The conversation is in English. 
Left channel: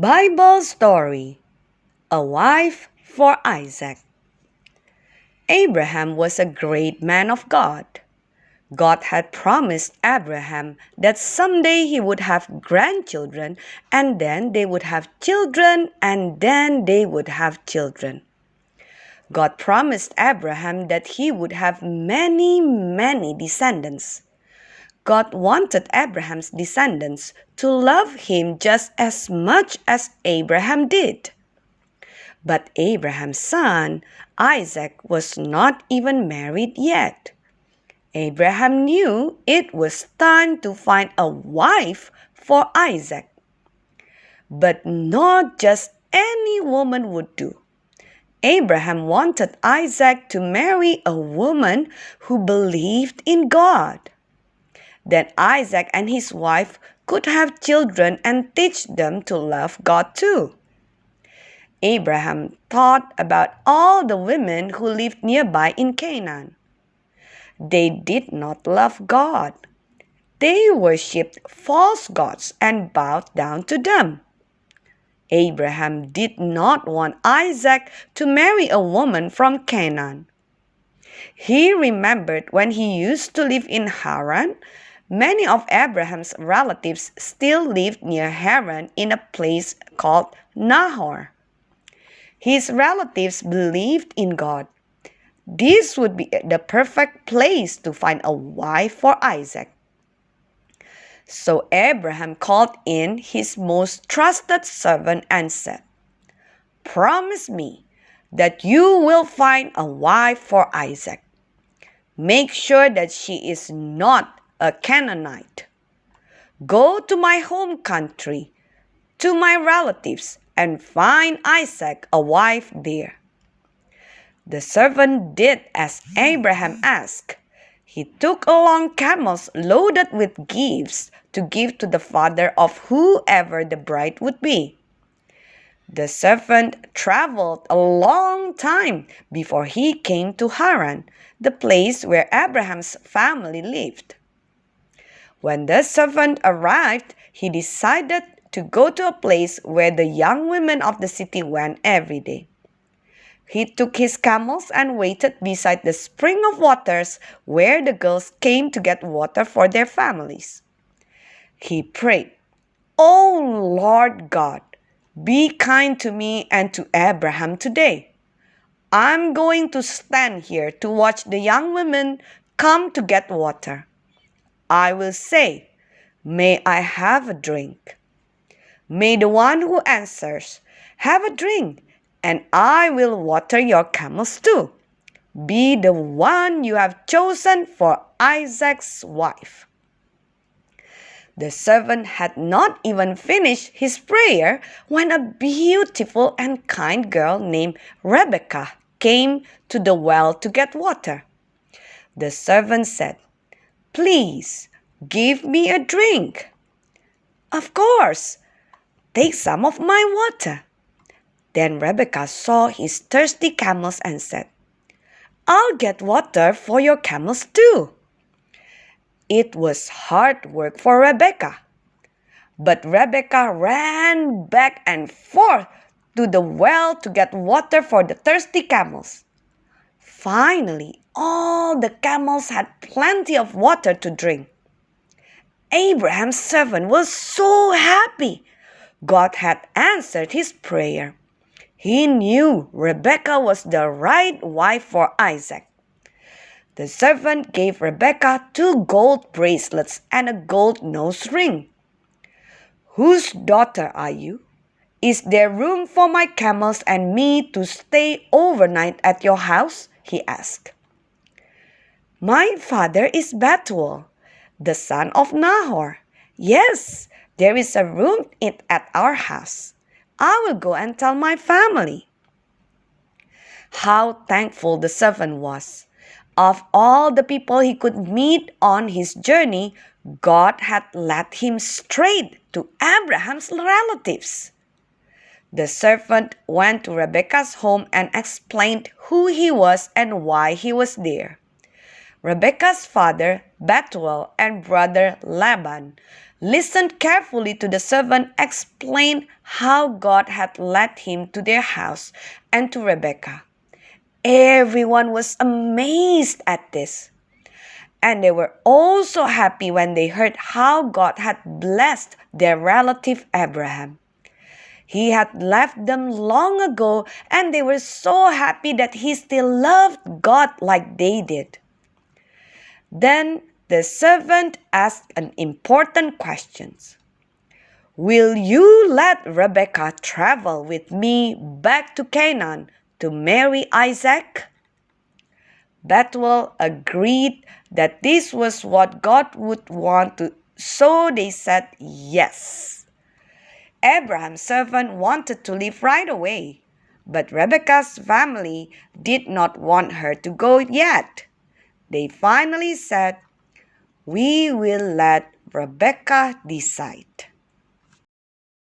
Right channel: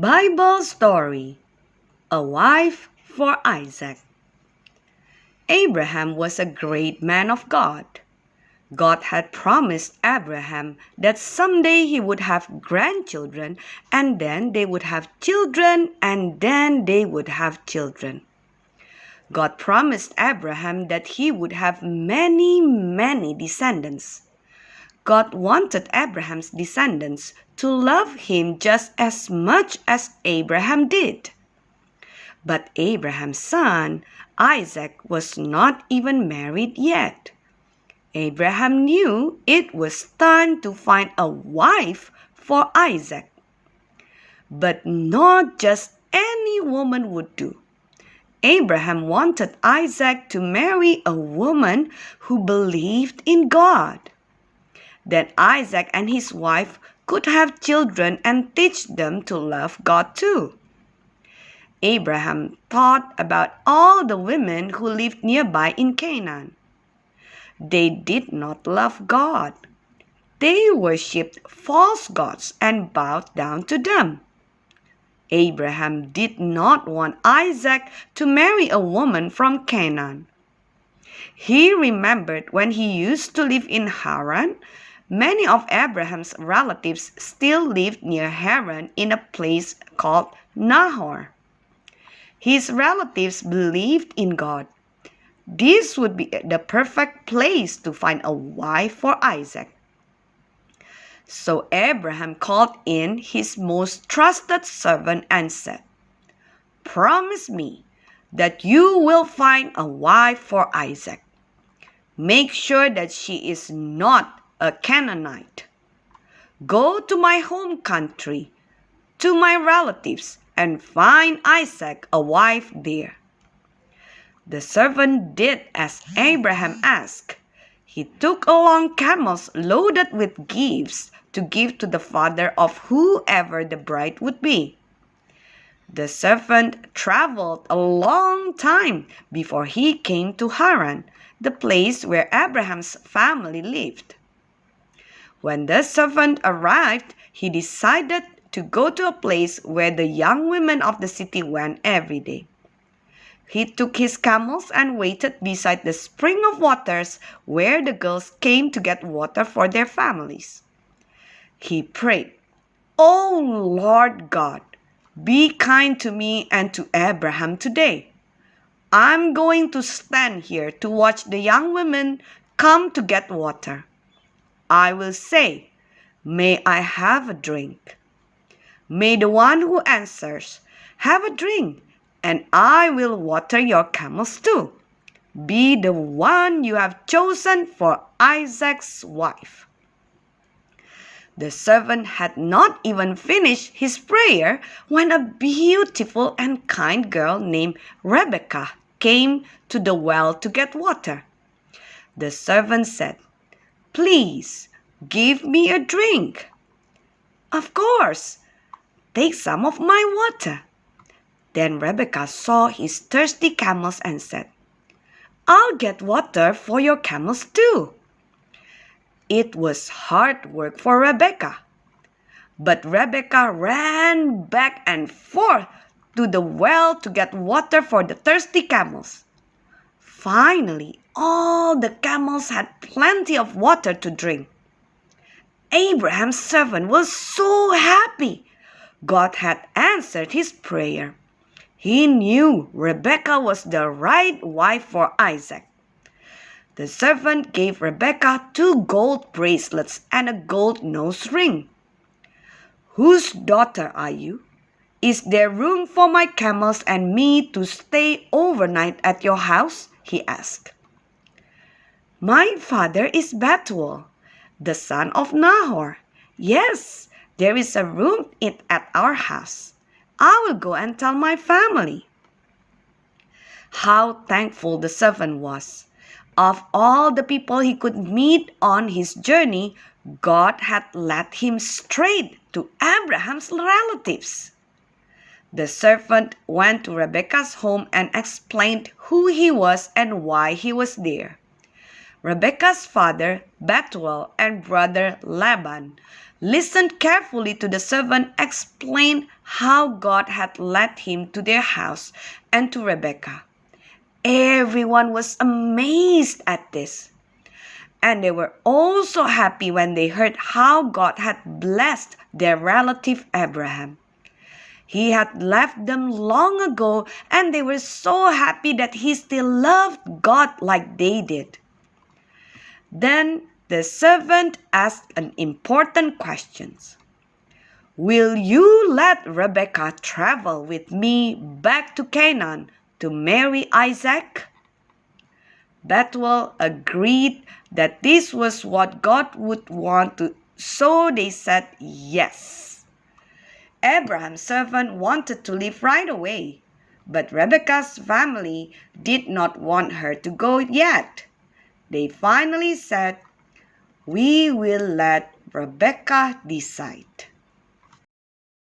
Bible story. A wife for Isaac. Abraham was a great man of God. God had promised Abraham that someday he would have grandchildren, and then they would have children, and then they would have children. God promised Abraham that he would have many descendants. God wanted Abraham's descendants to love him just as much as Abraham did. But Abraham's son, Isaac, was not even married yet. Abraham knew it was time to find a wife for Isaac. But not just any woman would do. Abraham wanted Isaac to marry a woman who believed in God. Then Isaac and his wife could have children and teach them to love God too. Abraham thought about all the women who lived nearby in Canaan. They did not love God. They worshipped false gods and bowed down to them. Abraham did not want Isaac to marry a woman from Canaan. He remembered when he used to live in Haran, many of Abraham's relatives still lived near Haran in a place called Nahor. His relatives believed in God. This would be the perfect place to find a wife for Isaac. So Abraham called in his most trusted servant and said, "Promise me that you will find a wife for Isaac. Make sure that she is not a Canaanite. Go to my home country, to my relatives, and find Isaac a wife there." The servant did as Abraham asked. He took along camels loaded with gifts to give to the father of whoever the bride would be. The servant traveled a long time before he came to Haran, the place where Abraham's family lived. When the servant arrived, he decided to go to a place where the young women of the city went every day. He took his camels and waited beside the spring of waters where the girls came to get water for their families. He prayed, "O Lord God, be kind to me and to Abraham today. I'm going to stand here to watch the young women come to get water. I will say, 'May I have a drink?' May the one who answers, 'Have a drink,' and I will water your camels too, be the one you have chosen for Isaac's wife." The servant had not even finished his prayer when a beautiful and kind girl named Rebecca came to the well to get water. The servant said, "Please, give me a drink." "Of course, take some of my water." Then Rebecca saw his thirsty camels and said, "I'll get water for your camels too." It was hard work for Rebecca. But Rebecca ran back and forth to the well to get water for the thirsty camels. Finally, all the camels had plenty of water to drink. Abraham's servant was so happy. God had answered his prayer. He knew Rebecca was the right wife for Isaac. The servant gave Rebecca 2 gold bracelets and a gold nose ring. "Whose daughter are you? Is there room for my camels and me to stay overnight at your house?" he asked. "My father is Bethuel, the son of Nahor. Yes, there is a room at our house. I will go and tell my family." How thankful the servant was. Of all the people he could meet on his journey, God had led him straight to Abraham's relatives. The servant went to Rebekah's home and explained who he was and why he was there. Rebekah's father, Bethuel, and brother Laban listened carefully to the servant explain how God had led him to their house and to Rebekah. Everyone was amazed at this. And they were also happy when they heard how God had blessed their relative Abraham. He had left them long ago, and they were so happy that he still loved God like they did. Then the servant asked an important question. Will you let Rebekah travel with me back to Canaan to marry Isaac? Bethuel agreed that this was what God would want to, so they said yes. Abraham's servant wanted to leave right away, but Rebekah's family did not want her to go yet. They finally said, "We will let Rebekah decide."